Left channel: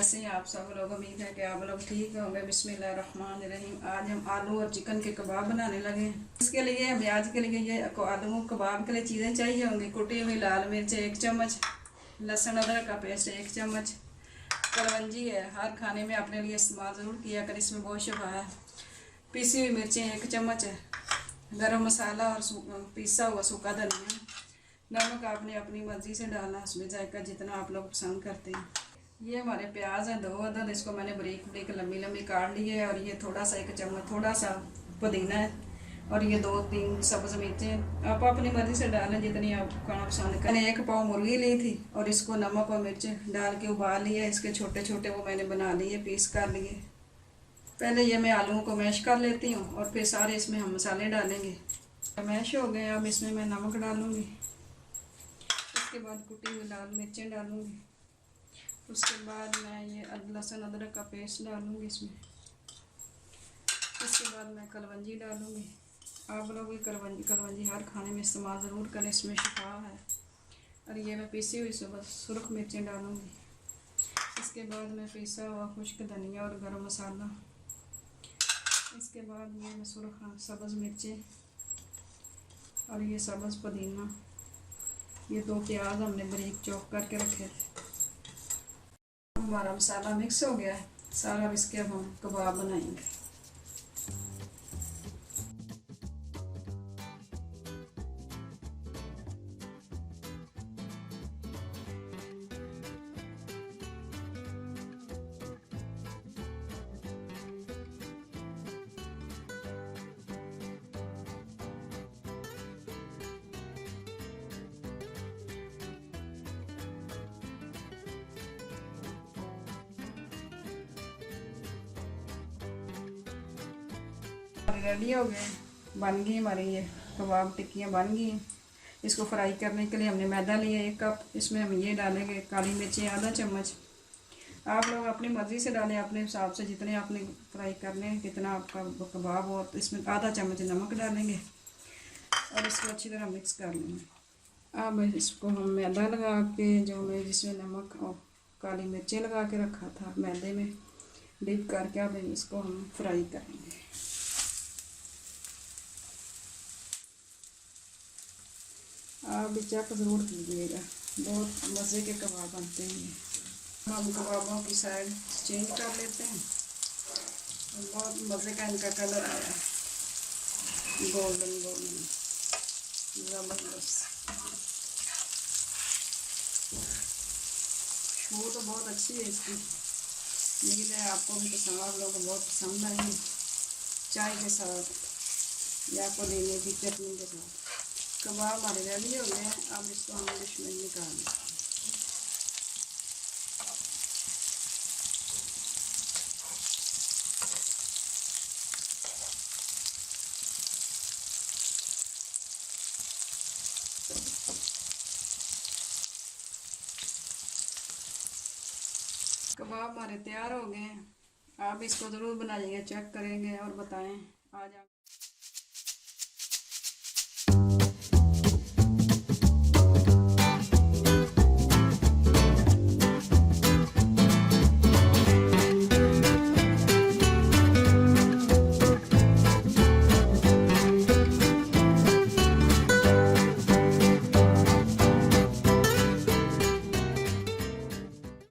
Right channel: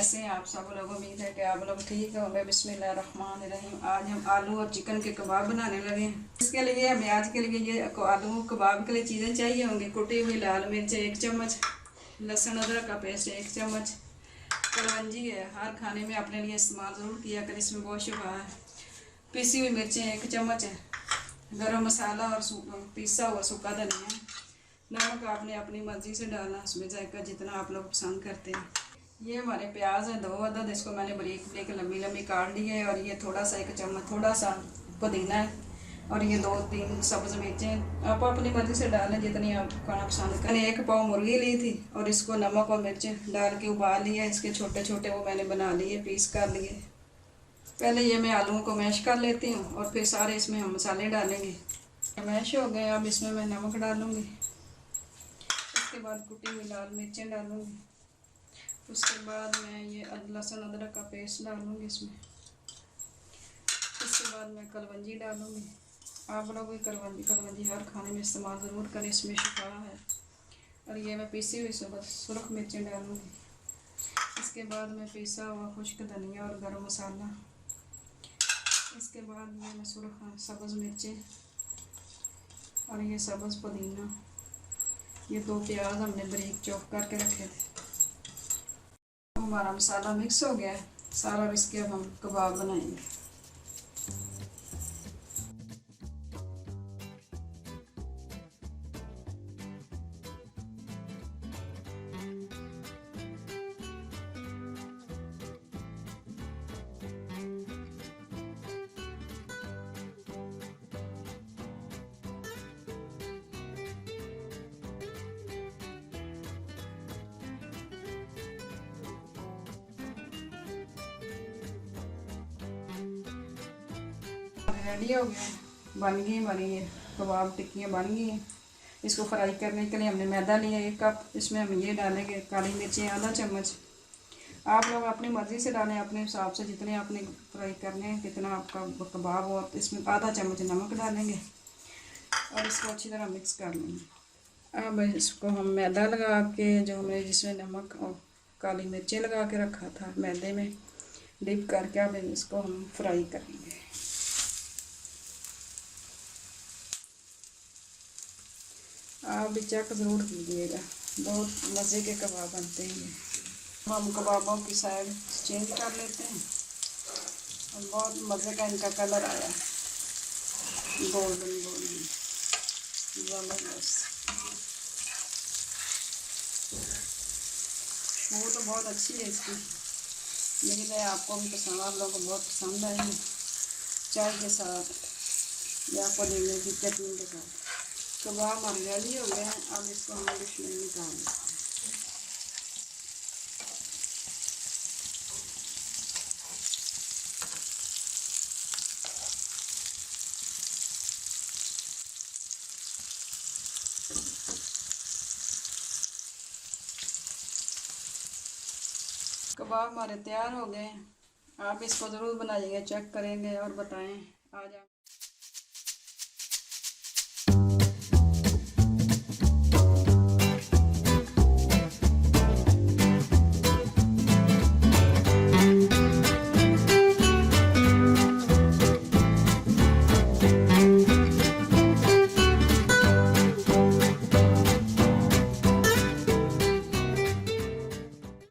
कैसे हैं आप सब लोग। उम्मीद है कि आप लोग ठीक होंगे। बिस्मिल्लाहिर्रहमानिर्रहीम। आज हम आलू और चिकन के कबाब बनाने लगे हैं। इसके लिए हमें आज के लिए ये आलू कबाब के लिए चीज़ें चाहिए होंगी। कुटी हुई लाल मिर्च 1 चम्मच, लहसुन अदरक का पेस्ट 1 चम्मच, कलवंजी है, हर खाने में अपने लिए इस्तेमाल ज़रूर किया कर, इसमें बहुत शुबा है। पीसी हुई मिर्चें 1 चम्मच है, गरम मसाला और पिसा हुआ सूखा धनिया। नमक आपने अपनी मर्ज़ी से डालना, उसमें जायका जितना आप लोग पसंद करते हैं। ये हमारे प्याज है 2 अदद, इसको मैंने बारीक बारीक लंबी लंबी काट ली है। और ये थोड़ा सा 1 चम्मच थोड़ा सा पुदीना है। और ये 2-3 सब्ज़ मिर्चें आप अपनी मर्ज़ी से डालें जितनी आप खाना पसंद करें। 1 पाव मुर्गी ली थी और इसको नमक और मिर्च डाल के उबाल लिया। इसके छोटे छोटे वो मैंने बना लिए, पीस कर लिए। पहले ये मैं आलूओं को मैश कर लेती हूँ और फिर सारे इसमें हम मसाले डालेंगे। मैश हो गए, अब इसमें मैं नमक डालूँगी। उसके बाद कुटी हुई लाल मिर्चें डालूँगी। उसके बाद मैं ये लहसुन अदरक का पेस्ट डालूँगी इसमें। इसके बाद मैं कलवंजी डालूँगी। आप लोग कलवंजी हर खाने में इस्तेमाल ज़रूर करें, इसमें शिफा है। और ये मैं पीसी हुई सुरख मिर्चें डालूँगी। इसके बाद मैं पिसा हुआ खुश्क धनिया और गरम मसाला। इसके बाद ये मैं सब्ज़ मिर्चें और ये सब्ज़ पुदीना। ये 2 प्याज हमने बारीक चॉप करके रखे थे। हमारा मसाला मिक्स हो गया है सारा, इसके अब हम कबाब बनाएंगे। रेडी हो गए, बन गई हमारी ये कबाब टिक्कियाँ बन गई हैं। इसको फ्राई करने के लिए हमने मैदा लिया 1 कप। इसमें हम ये डालेंगे काली मिर्ची आधा चम्मच। आप लोग अपनी मर्ज़ी से डालें, अपने हिसाब से जितने आपने फ्राई करने हैं, कितना आपका कबाब हो। तो इसमें आधा चम्मच नमक डालेंगे और इसको अच्छी तरह मिक्स कर लेंगे। अब इसको हम मैदा लगा के, जो हमने जिसमें नमक और काली मिर्चें लगा के रखा था, मैदे में डिप करके अब इसको हम फ्राई करेंगे। आप भी चेक ज़रूर कीजिएगा, बहुत मज़े के कबाब बनते हैं। अब हम कबाबों की साइड चेंज कर लेते हैं। बहुत मज़े का इनका कलर आया, गोल्डन गोल्डन ज़बरदस्त। वो तो बहुत अच्छी है इसकी। उम्मीद है आपको भी पसंद, आप लोगों को बहुत पसंद आएगी। चाय के साथ या पुदीने की चटनी के साथ कबाब हमारे रेडी हो गए हैं। अब इसको हम डिश में निकाल लेते हैं। कबाब हमारे तैयार हो गए हैं। आप इसको ज़रूर बनाइएगा, चेक करेंगे और बताएं। आज आप